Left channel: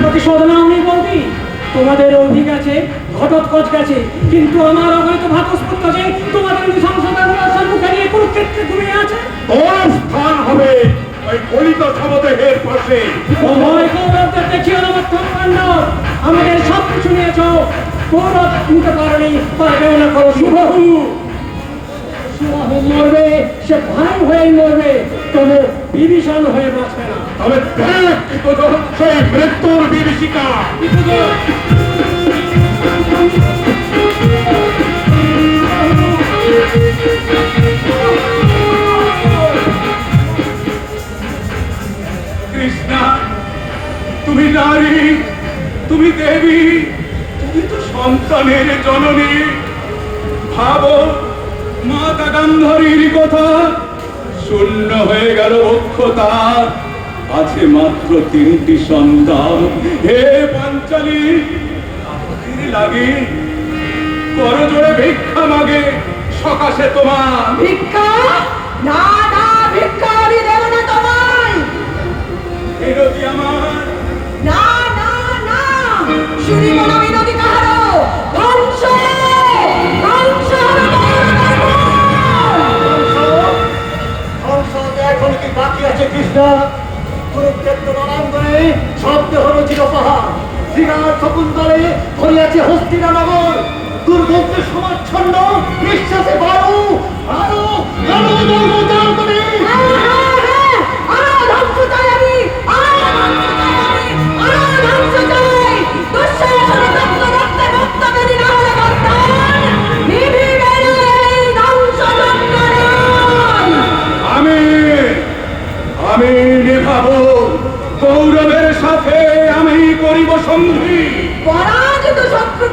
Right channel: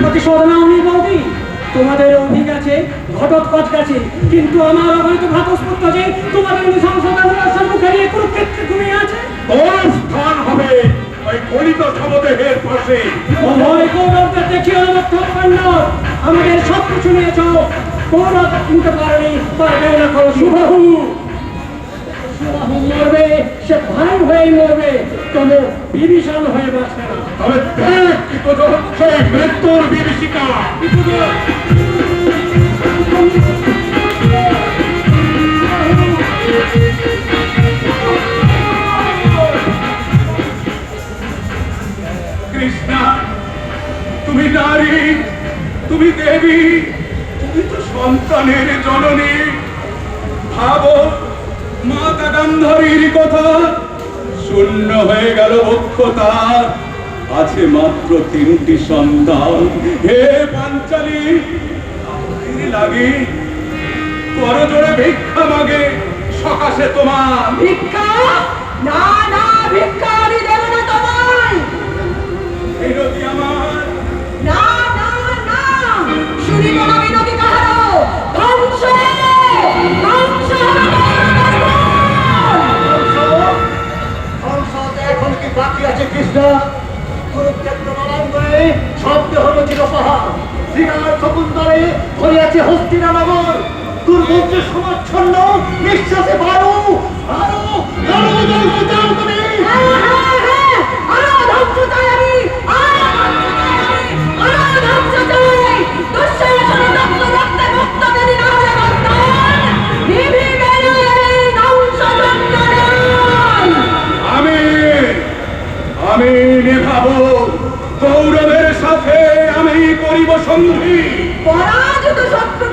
প্রতিশোধ নাওনি বৌদি তোমাদের অধিক আছে গেছে কিন্তু আমার অবৈধ ভাতস্পত্য যে তোমাদের নৃশংসতার মুখে নিয়ে কুরুক্ষেত্রে ঘুমিয়ে হবে ওই গলিত সমদেহের পাশে সময় আমার কাণ্ড আমাদের সব কিছু নিয়েছ গৌরব নিতে পারনি পারবেও না শুভ শুভ মরবে, সে ভাই হয়ে মরবে, কোনো বিভীষণ হয়ে বাঁচবে না। তবে দেখ সেই মৃত্যুর বিভীষিকা। কৃষ্ণা, তুমি নারী, তুমি দেবী, তুমি তো সন্তানের জননী। ভাবো কথা শূন্য হয়ে গেল অক্ষতা। আছে মাত্র তিনটি সন্তান। হে পাঞ্চালী লাগে করজোড়ে ভিক্ষা মাগে, সকাশে তোমার। ভিক্ষা? না না, ভিক্ষা শব্দ হলো পাহাড়। শ্রীরাম শকুন্তলে হইয়াছে হস্তিরা নগর। দুর্ভোগের সমাচ্ছন্ন নিঃশ্বাসে বায়ু বায়ু করিব সন্ধি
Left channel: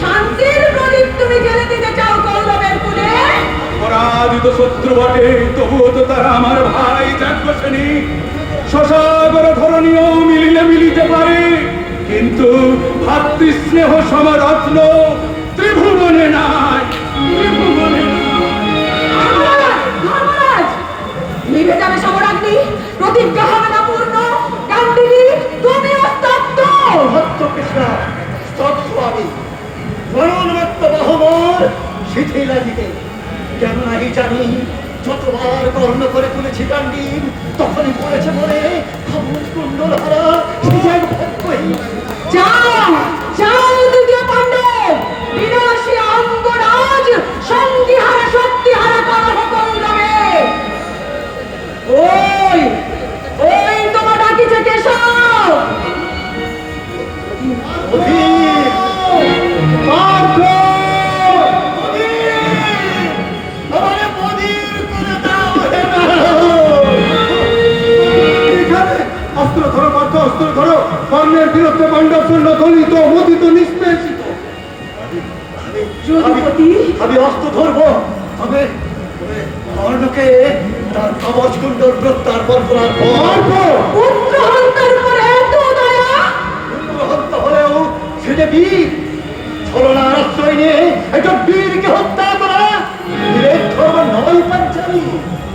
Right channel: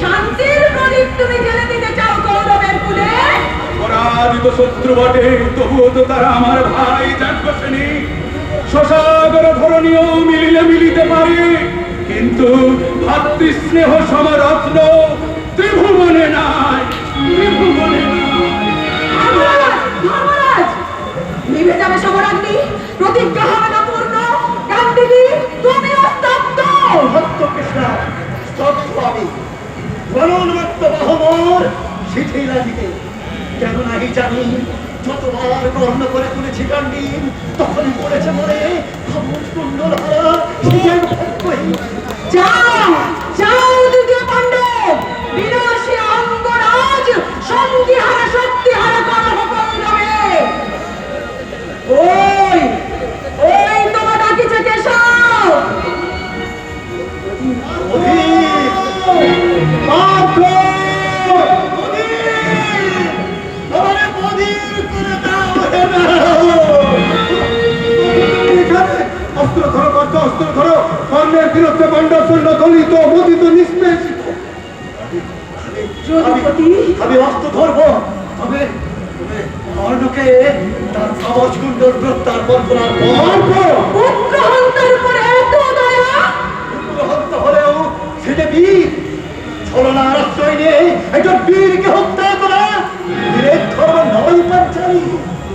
শান্তির প্রদীপ তুমি জেলে দিতে চাও গৌরবের কুলে। পরাজিত শত্রু বটে তবুও তো তারা আমার ভাই যাজ্ঞসেনী শশাগর ধরণীয় মিলিলে মিলিতে পারে। কিন্তু ভাতৃস্নেহ সমরত্ন ত্রিভুবনে নাই। ত্রিভুবনে নাই। মহারাজ মহারাজ নিভে যাবে সমরাগ্নি প্রতিজ্ঞা হবে না গান্ধিনী তুমি অত্যন্ত ভক্ত কৃষ্ণ করে তুলেছি গান্ডীর তখনই পড়েছে মনে কুণ্ডল হারা। যাও যাও অস্ত্র ধরো পার্থ অস্ত্র ধরো। কর্ণের বিরুদ্ধে শূন্য দলিত নিষ্পেষিত। আমি অস্ত্র ধরবো। তবে কর্ণকে তার বর্তমান হলেও সেটা বীর ছলনার আশ্রয় নিয়ে একটা বীরকে হত্যা করা নয়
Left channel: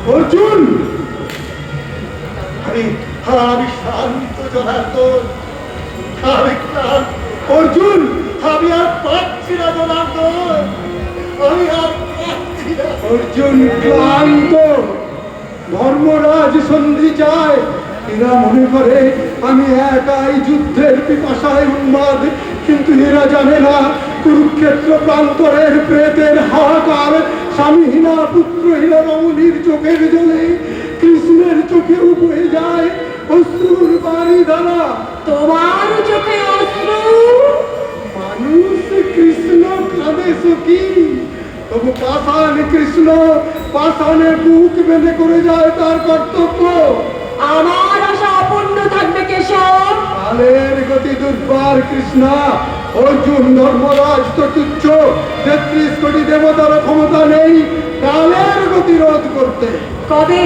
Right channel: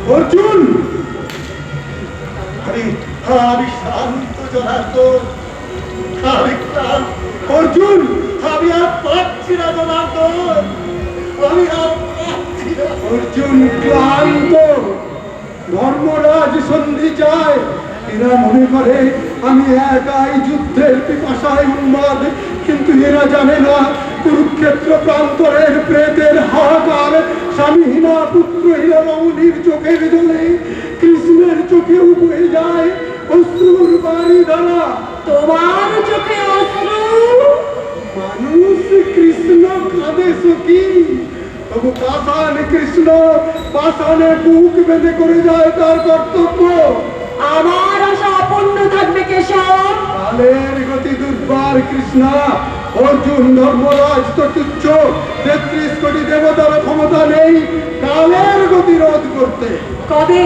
অর্জুন! আমি আমি শান্ত জনার্দন আমি অর্জুন আমি আর পাচ্ছি না জনার্দন আমি আর পাচ্ছি না অর্জুন ক্লান্ত ধর্মরাজ সন্ধি চায় এরা মনে করে আমি একাই যুদ্ধের পিপাসায় উন্মাদ কিন্তু এরা জানে না কুরুক্ষেত্র প্রান্তরের প্রেতের হাহাকার স্বামীহীনা পুত্রহীনা রমণীর চোখের জলে চোখেও বয়ে যায় অশ্রুর বাড়ি দ্বারা তোমার চোখে অশ্রু মানুষ কৃষ্ণ কাঁদে সুখী তবু পাষাণ কৃষ্ণ পাষাণে বুক বেঁধে করে যায় তার কর্তব্য আমার আশা অপূর্ণ থাকবে কেশব কালের গতি দুর্বার কৃষ্ণা অর্জুন ধর্মরাজ তো তেত্রিশ কোটি দেবতার ক্ষমতা নেই কালের গতি রোধ করতে কবে